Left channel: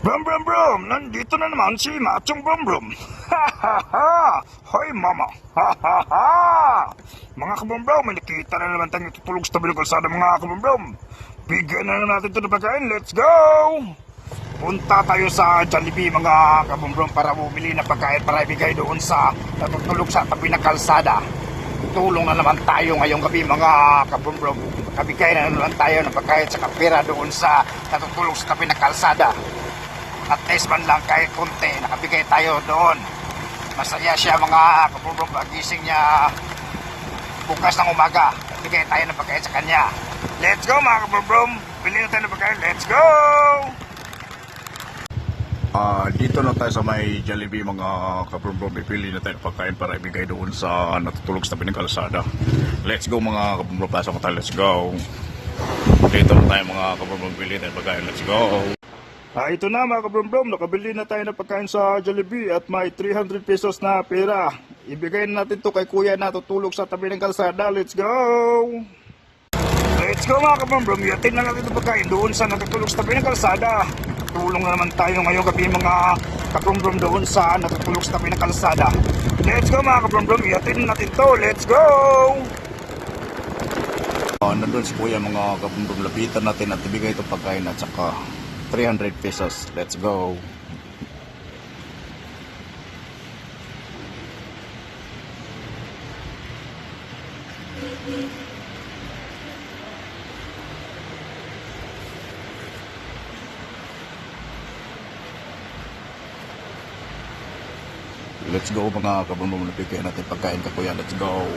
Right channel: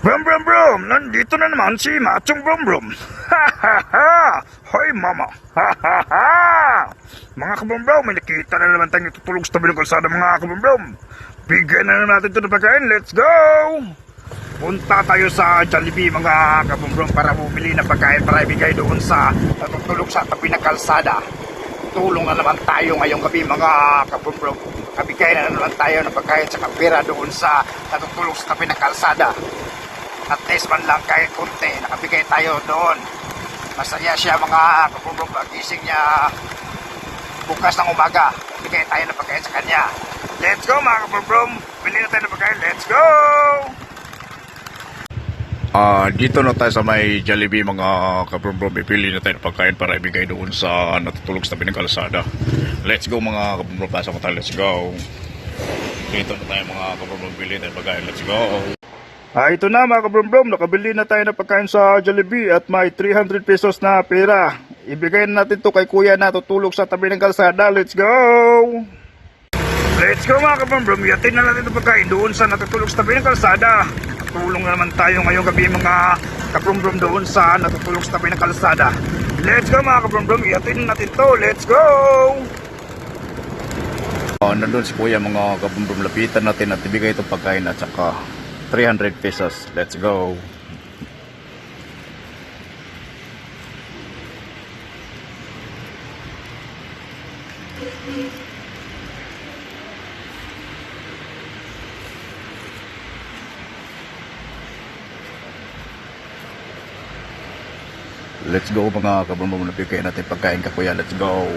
Brum brum brum! Nandito na naman si Machong Brum Brum! Ha ha ha! Hoy mama! Ha ha ha! Mga kabrum brum, may nakita na naman tayong tutulog sa tabi ng kalsada mga kabrum brum! Bigyan na natin ito ng pagkain, let's go! Punta tayo sa Jollibee mga kabrum brum para bumili ng pagkain para ibigay doon sa natutulog sa tabi ng kalsada. Tulong na naman tayo ngayong gabi mga kabrum brum. Kabigay na naman tayo ng pagkain sa kapira doon sa natutulog sa tabi ng kalsada at least man lang kahit konti, nakabigay tayo doon. Masaya siya mga kapulog, pagising niya bukas ng umaga. Bigay tayo ng pagkain sa kanya. Let's go mga kapulog, bili na tayo ng pagkain, let's go! Ah, dito na tayo sa may Jollibee mga kabrum-brum. Ipili na tayo ng pagkain para ibigay doon sa natutulog sa tabi ng kalsada. Let's go mga kabrum-brum. Pasok tayo. Let's go. Dito na tayo mga kabrum-brum. Pili tayo ng pagkain. Let's go. Ah, ito na mga kabrum-brum. Nakabili na tayo ng pagkain sa Jollibee at may 300 pesos na pera. Ibigay na natin to kay kuya na tutulog sa tabi ng kalsada. Let's go! Let's go mga kabrum-brum. Yatin na natin itong pagkain doon sa natutulog sa tabi ng kalsada. Tulong na naman tayo ngayong gabi mga kabrum-brum doon sa natutulog sa tabi ng kalsada. Let's go mga kabrum-brum. Yatin na natin to. Let's go! Uh, nandun si kuya mga kabrum-brum. Lapitan natin at ibigay itong pagkain at saka 300 pesos. Let's go. Let's go mga kabrum-brum. Nabigay natin pagkain ka kuya. Let's go.